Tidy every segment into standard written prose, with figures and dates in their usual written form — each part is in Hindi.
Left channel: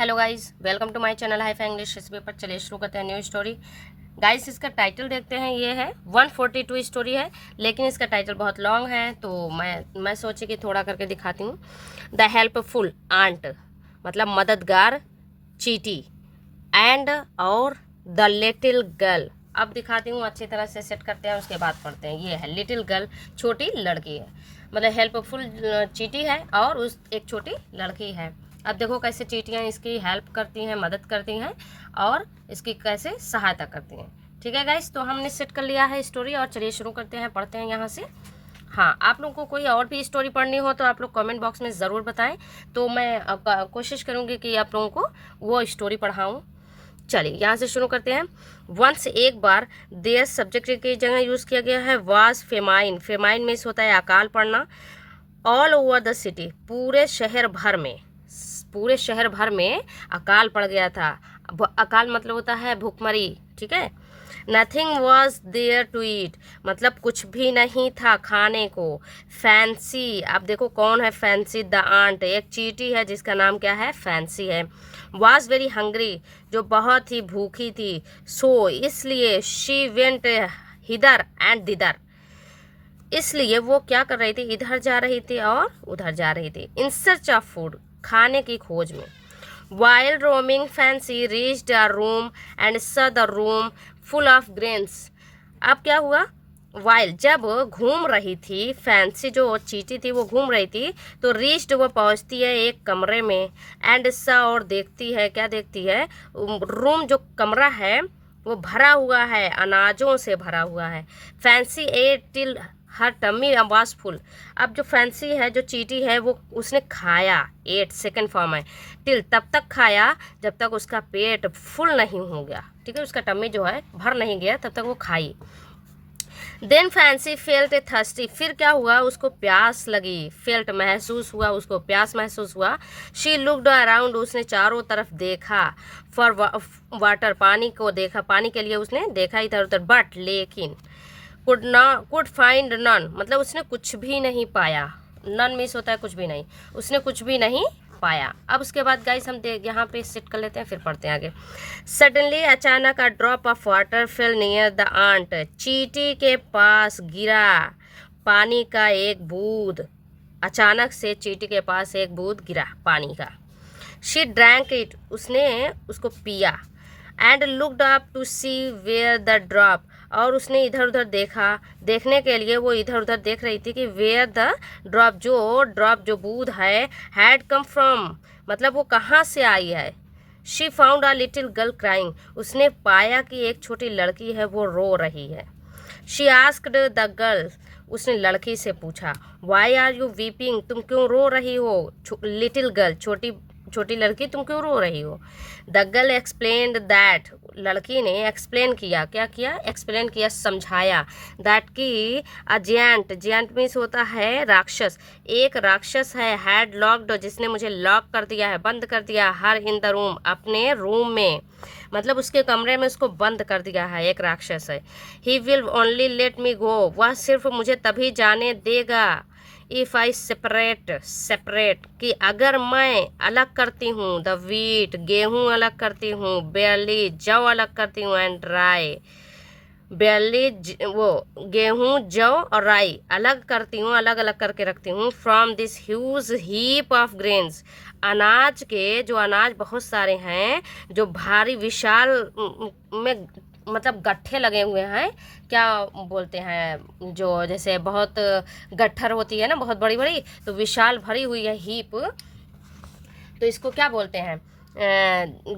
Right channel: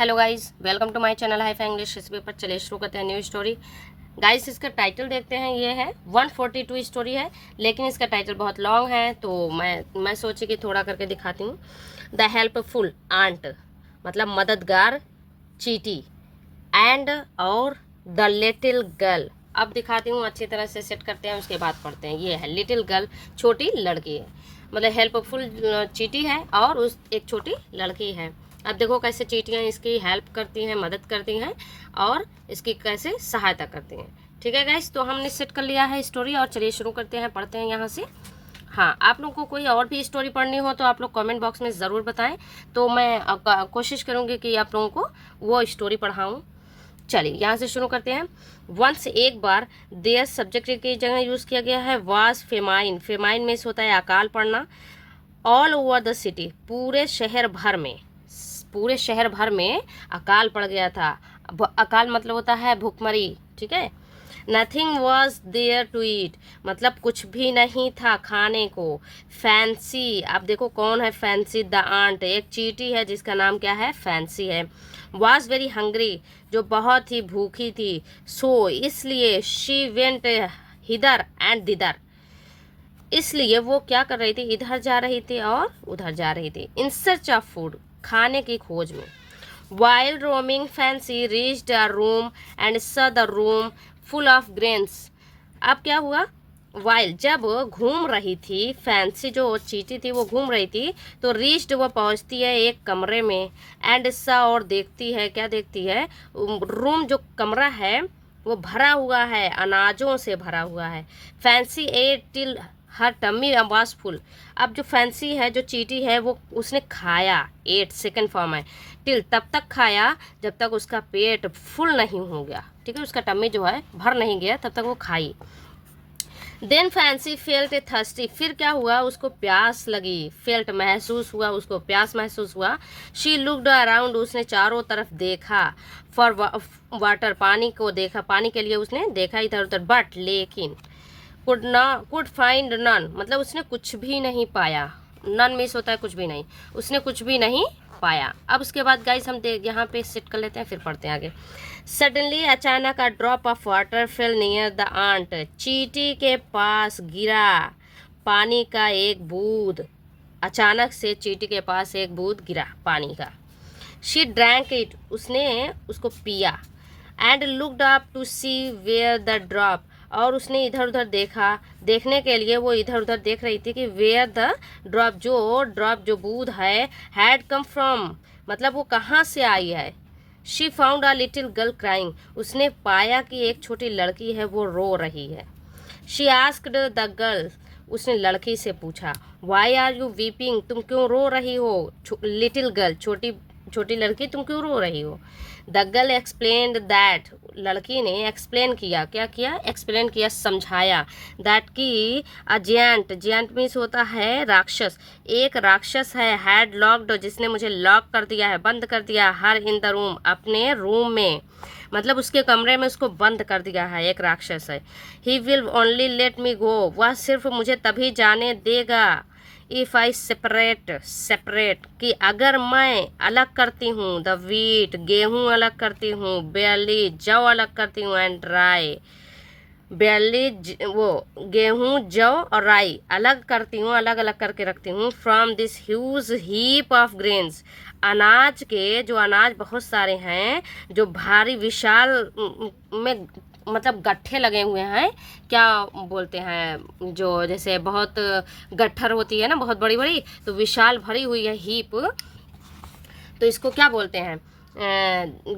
Hello guys, welcome to my channel hi English. इस पेपर चलिए शुरू करते हैं न्यू स्टोरी। गाइस इसका टाइटल देखते हैं। ये है 142 स्टोरी है, लेकिन इसका टाइटल बहुत लॉन्ग है, तो मैं सोची कि थोड़ा करके दिखाती हूँ। द हेल्पफुल आंट मतलब मददगार चीटी एंड और द लिटिल गर्ल। अब दिखाती हूँ, अच्छी तरह से सेट करते हैं, उसके बाद पढ़ते हैं। ये है लिटिल गर्ल, छोटी लड़की है, मतलब हेल्पफुल चीटी है और उस एक छोटी लड़की है। अब देखो कैसे चीटियाँ इसकी हेल्प करती हैं, मदद करती हैं और इसकी कैसे सहायता करती हैं। ठीक है गाइस, तो हमने सेट कर लिया है स्टोरी और चलिए शुरू करते हैं, पढ़ते हैं यहाँ से। हाँ, आप लोगों को कोई और भी स्टोरी पढ़नी हो तो आप लोग कमेंट बॉक्स में ज़रूर बताएं, तो मैं कोशिश करूँगी कि आप लोगों को वो स्टोरी पढ़ाऊँ। चलिए यहाँ से शुरू करते हैं। वंस एक बार, देयर सब्जेक्ट की जगह यूज़ किया गया है वाज फेमाइन। फेमाइन मीन्स होता है अकाल पड़ना। ऑल ओवर द सिटी, पूरे शहर भर में, पूरे शहर भर में अकाल पड़ गया था। अकाल मतलब होता है भूखमरी। ठीक है। Nothing was there to eat, मतलब कुछ भी नहीं था खाने को। फैंसी, आप देखो कौन है फैंसी? द आंट, एक चीटी है जिसका नाम क्या है? फैंसी है। वॉज वेरी हंग्री, जो बहुत ही भूखी थी। सो, इसलिए शी वेंट हिदर एंड दिदर, इसलिए वो क्या कर रही थी? इधर जा रही थी और उधर जा रही थी। इन सर्च ऑफ फूड, खाने की खोज में। While roaming fancy reached a room and saw the room full of grains. अब क्या हुआ? वाइल, जब घूम रही थी, फैंसी जो चीटी थी वो घूम रही थी, तो रीच्ड वो पहुंचती है एक कमरे में। एंड saw, और देखती है, क्या देखती है? रूम, जो कमरा है वो भरा हुआ है, अनाजों से भरा हुआ है। Fancy ate till her tummy was full. अब जो फैंसी है, जो चीटी है, वो उसने खाया। एट सेकंड फॉर्म है। टिल, तब तक खाया जब तक उसका पेट फुल नहीं हो गया। ठीक है, उसका टम्मी जो है भर नहीं गया, तब तक वो खाई। Then Fancy felt a thirsty, फिर क्या हुआ? उसको प्यास लगी। फेल्ट, महसूस हुआ, उसको प्यास महसूस हुआ। शी लुक्ड अराउंड, उसने चारों तरफ देखा। फॉर वाटर, पानी को देखा, पानी के लिए उसने देखा इधर उधर। बट लेकिन कुड फाइंड नन, मतलब उसने कुछ भी नहीं पाया। नन मिस होता है कुछ भी नहीं, उसने कुछ भी नहीं पाया। अब उसके बाद गाइस हम यहाँ पे सेट कर लेते हैं, फिर पढ़ते हैं आगे। सडनली, अचानक, a drop of water fell near the ant, चीटी के पास गिरा पानी का एक बूंद। अचानक से चीटी के पास एक बूंद गिरा पानी का। शी ड्रैंक इट, उसने उसको पिया। And looked up to see where the drop, और उसने इधर उधर देखा। देखने के लिए वो इधर उधर देख रही थी कि वेयर द ड्रॉप, जो बूंद है, हैड कम फ्रॉम, मतलब वो कहाँ से आई है। She found a little girl crying, उसने पाया कि एक छोटी लड़की है, वो रो रही है। शी आस्क्ड द गर्ल, उसने लड़की से पूछा। वाई आर यू वीपिंग, तुम क्यों रो रही हो? लिटिल गर्ल, छोटी छोटी लड़की, तुम क्यों रो रही हो? द गर्ल एक्सप्लेन्ड दैट, लड़की ने एक्सप्लेन किया। क्या किया? एक्सप्लेन किया, समझाया। दैट की अजियंट, जियंट मीन्स होता है राक्षस, एक राक्षस है। हैड लॉक्ड, जिसने मुझे लॉक कर दिया है, बंद कर दिया। हर इन द रूम, अपने रूम में, मतलब उसके कमरे में उसको बंद कर दिया है, एक राक्षस है। He will only let me go, वह सिर्फ मुझे तभी जाने देगा। इफ़ आई सेपरेट, कि अगर मैं अलग करती हूँ। द वीट, गेहूँ अलग करती हूँ। बेयरली, जौ अलग करती हूँ। एंड राई, बेयरली वो गेहूँ, जौ और राई अलग करती हूँ, अलग अलग करके रखती हूँ। From this huge heap of grains, अनाज के, जो अनाज बहुत सारे हैं, जो भारी विशाल में, मतलब गट्ठे लगे हुए हैं, क्या बोलते हैं, जो जैसे बहुत गट्ठर होती है ना, बहुत बड़ी बड़ी, तो विशाल भरी हुई है हीप, तो इसको क्या बोलते हैं?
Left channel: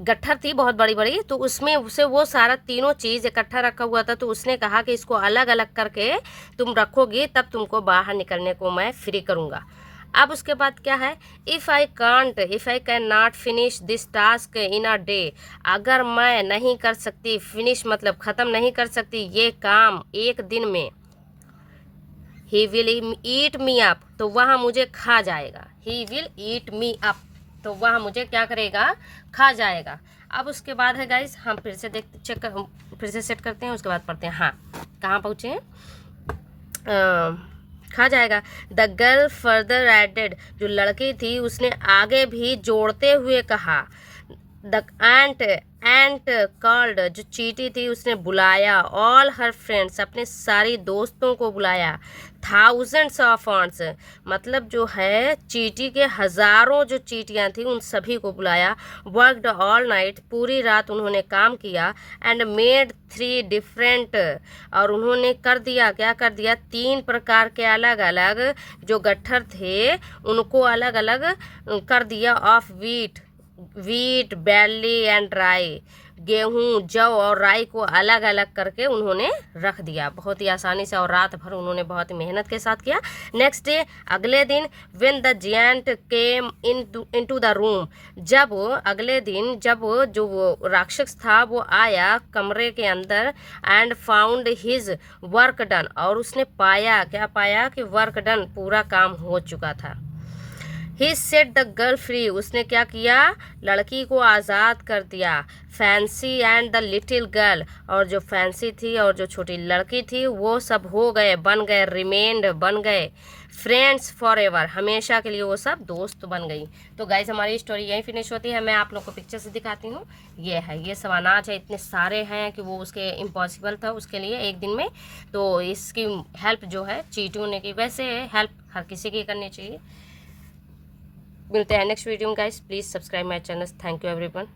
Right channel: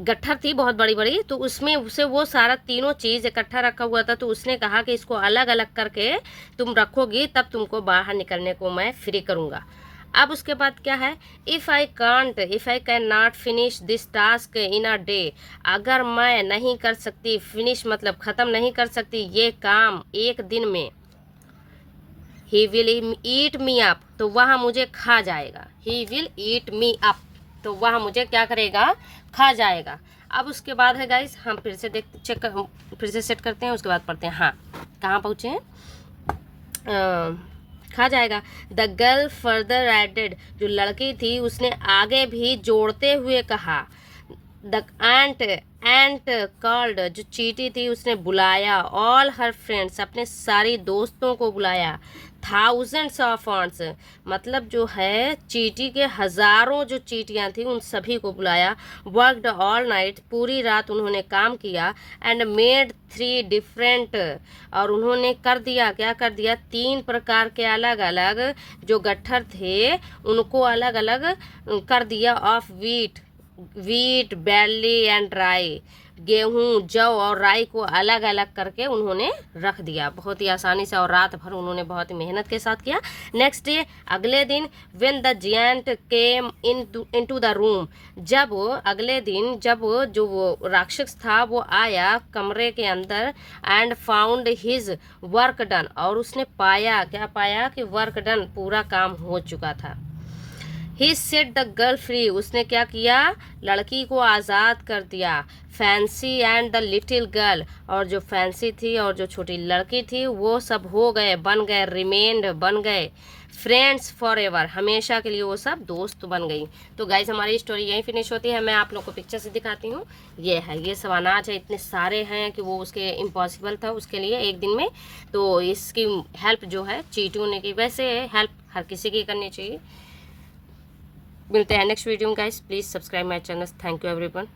गट्ठर थी बहुत बड़ी बड़ी, तो उसमें उसे वो सारा तीनों चीज़ इकट्ठा रखा हुआ था। तो उसने कहा कि इसको अलग अलग करके तुम रखोगी, तब तुमको बाहर निकलने को मैं फ्री करूँगा। अब उसके बाद क्या है? If I can not finish this task in a day, अगर मैं नहीं कर सकती, फिनिश मतलब ख़त्म नहीं कर सकती ये काम एक दिन में। He will eat me up, तो वह मुझे खा जाएगा। He will eat me up, तो वह मुझे क्या करेगा? खा जाएगा। अब उसके बाद है गाइस, हम फिर से फिर से सेट करते हैं, उसके बाद पढ़ते हैं। हाँ, कहाँ पहुँचे हैं? खा जाएगा। द गर्ल फर्दर एडेड, जो लड़की थी उसने आगे भी जोड़ते हुए कहा। द एंट कॉल्ड, जो चींटी थी उसने बुलाया, ऑल हर फ्रेंड्स, अपने सारी दोस्तों को बुलाया, थाउजेंड्स ऑफ ऑन्ट्स, मतलब जो है चींटी के हजारों जो चींटियां थी उन सभी को बुलाया, वर्कड ऑल नाइट, पूरी रात उन्होंने काम किया, एंड मेड 3 डिफरेंट, और उन्होंने कर दिया, क्या कर दिया, 3 प्रकार के अलग अलग जो गट्ठर थे उनको अलग अलग कर दिया, ऑफ वीट बैरली एंड राई, गेहूं, जौ और राई को अलग अलग करके उन्होंने रख दिया, बहुत ही आसानी से, और रात भर उन्होंने बहुत ही मेहनत के साथ किया। नेक्स्ट डे, अगले दिन, when the giant came into the room, जब अगले दिन जब जो वो राक्षस था वो आया कमरे के अंदर, and found his work done, और उसने पाया, क्या पाया, कि वर्क डन, पूरा काम हो चुका था। ही सेट द गर्ल फ्री, उसने क्या किया, लड़की को आज़ाद कर दिया। Fancy and the little girl, और जो फैंसी थी और जो छोटी लड़की थी वो सब हो गए, बन गए, रिमेन्ड, बन गए फ्रेंड्स फॉर एवर, हमेशा के लिए वो सब दोस्त बन गई। तो गाइज हमारी स्टोरी यहीं फिनिश होती है। मैं आप लोग को पिक्चर से दिखाती हूँ। ये है, ये सब अनाज है, इतने सारे हैं कि वो उसके इम्पॉसिबल था उसके लिए एक दिन में। तो इसकी हेल्प जो है चींटियों ने की, वैसे हेल्प हर किसी की करनी चाहिए। मिलते हैं नेक्स्ट वीडियो में guys, please subscribe my channel. Thank you everyone.